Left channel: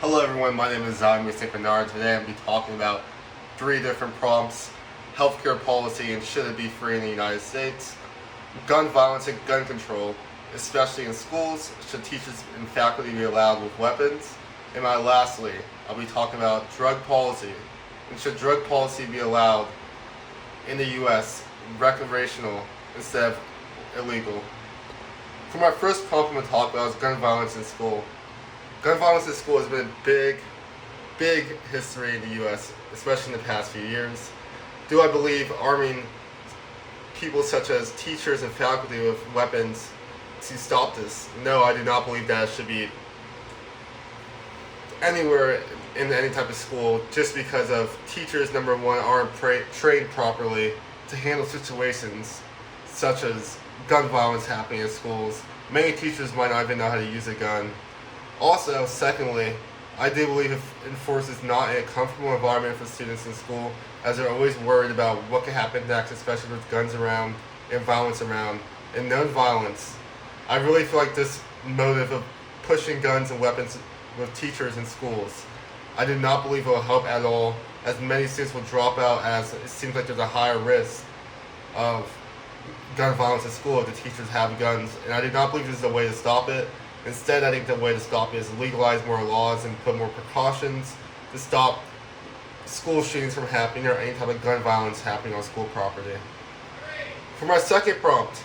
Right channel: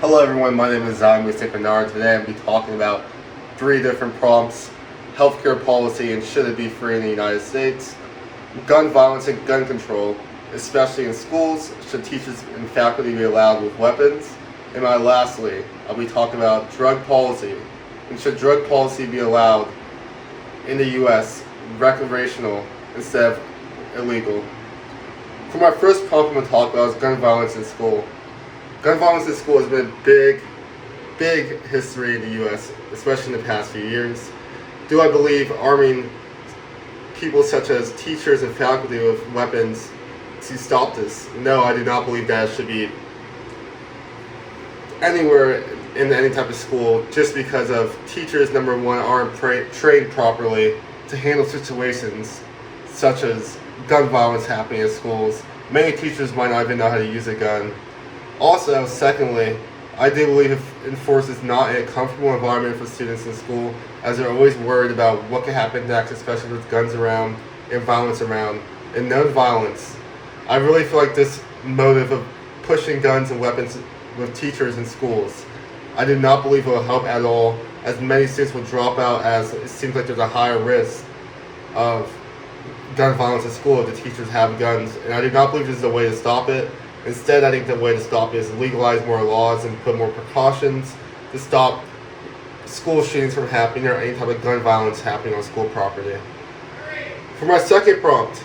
Hello everyone, my name is Zach with St.Bernard. Today I'm going to be talking about three different prompts: healthcare policy and should it be free in the United States, gun violence and gun control, especially in schools, should teachers and faculty be allowed with weapons, and lastly, I'll be talking about drug policy and should drug policy be allowed in the U.S. recreational instead of illegal. For my first prompt I'm going to talk about is gun violence in school. Gun violence in school has been a big history in the U.S., especially in the past few years. Do I believe arming people such as teachers and faculty with weapons to stop this? No, I do not believe that it should be anywhere in any type of school, just because of teachers, number one, aren't trained properly to handle situations such as gun violence happening in schools. Many teachers might not even know how to use a gun. Also, secondly, I do believe it enforces not a comfortable environment for students in school, as they're always worried about what could happen next, especially with guns around and violence around, and known violence. I really feel like this motive of pushing guns and weapons with teachers in schools, I do not believe it will help at all, as many students will drop out, as it seems like there's a higher risk of gun violence in school if the teachers have guns, and I do not believe this is a way to stop it. Instead, I think the way to stop it is legalize more laws and put more precautions to stop school shootings from happening or any type of gun violence happening on school property. For my second prompt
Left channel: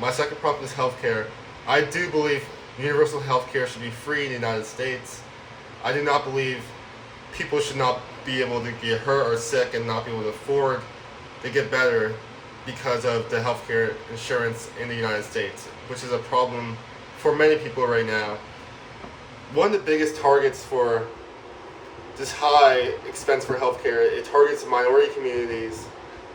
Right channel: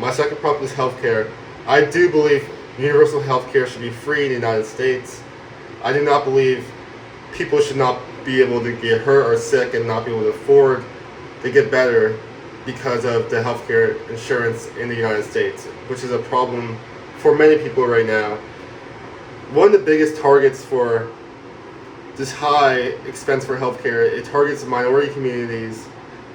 is healthcare. I do believe universal healthcare should be free in the United States. I do not believe people should not be able to get hurt or sick and not be able to afford to get better because of the healthcare insurance in the United States, which is a problem for many people right now. One of the biggest targets for this high expense for healthcare, it targets minority communities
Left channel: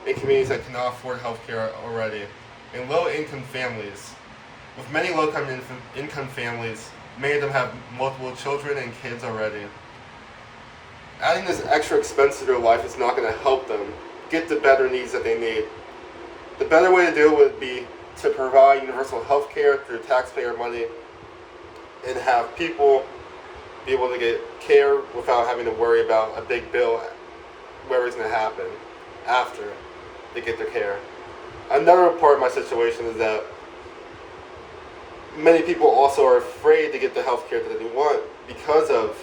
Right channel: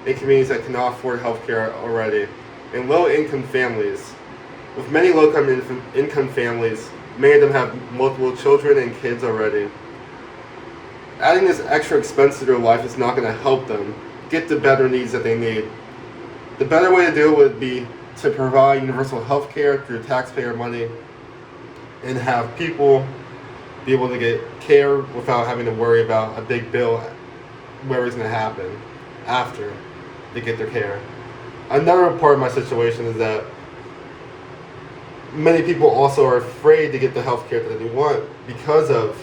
and communities that cannot afford healthcare already, and low-income families. With many low-income families, many of them have multiple children and kids already. Adding this extra expense to their life is not going to help them get the better needs that they need. The better way to do it would be to provide universal health care through taxpayer money and have people be able to get care without having to worry about a big bill where it's going to happen after they get their care. Another part of my situation is that many people also are afraid to get the health care that they want because of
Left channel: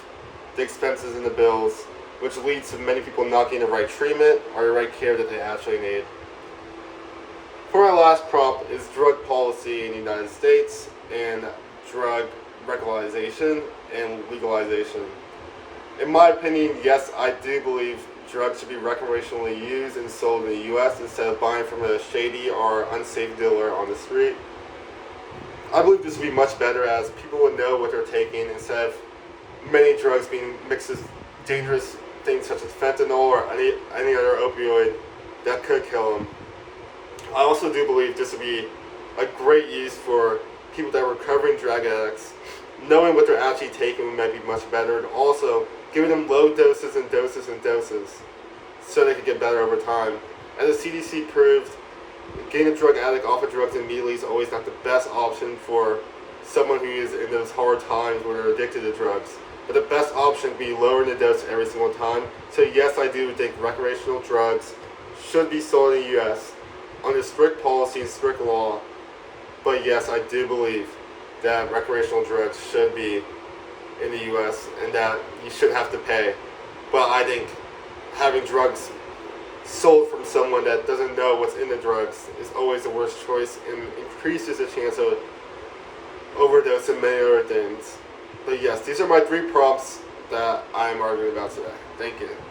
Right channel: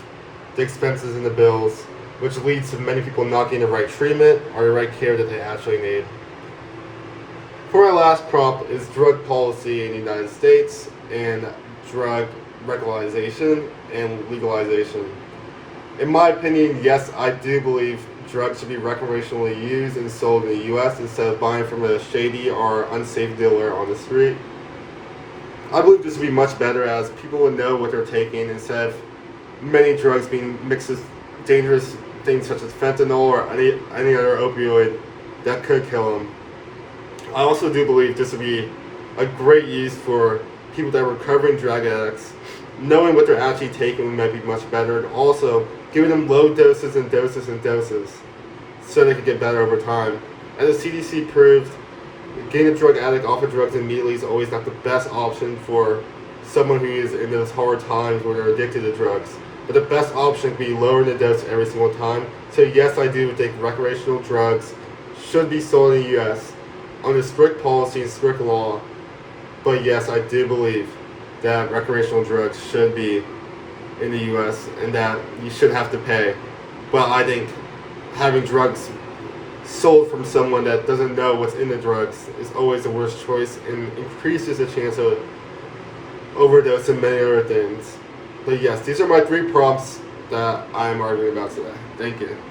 the expenses and the bills, which leads to many people not getting the right treatment or the right care that they actually need. For my last prompt is drug policy in the United States and drug recrealization and legalization. In my opinion, yes, I do believe drugs should be recreationally used and sold in the U.S. instead of buying from a shady or unsafe dealer on the street. I believe this would be much better, as people would know what they're taking instead of many drugs being mixed with dangerous things such as fentanyl or any other opioid that could kill them. I also do believe this would be a great use for people that are recovering drug addicts. Knowing what they're actually taking might be much better, and also giving them low doses and doses and doses so they can get better over time. As the CDC proved, getting a drug addict off of drugs immediately is always not the best option for someone who is in those hard times where they're addicted to drugs. But the best option would be lowering the dose every single time. So yes, I do think recreational drugs should be sold in the U.S. under strict policy and strict law, but yes, I do believe that recreational drugs should be in the U.S. and that you shouldn't have to pay. But I think having drugs sold from someone that doesn't know what's in the drugs is always the worst choice and increases the chance of overdose and many other things. But yes, these are my three prompts that I'm arguing about today. Thank you.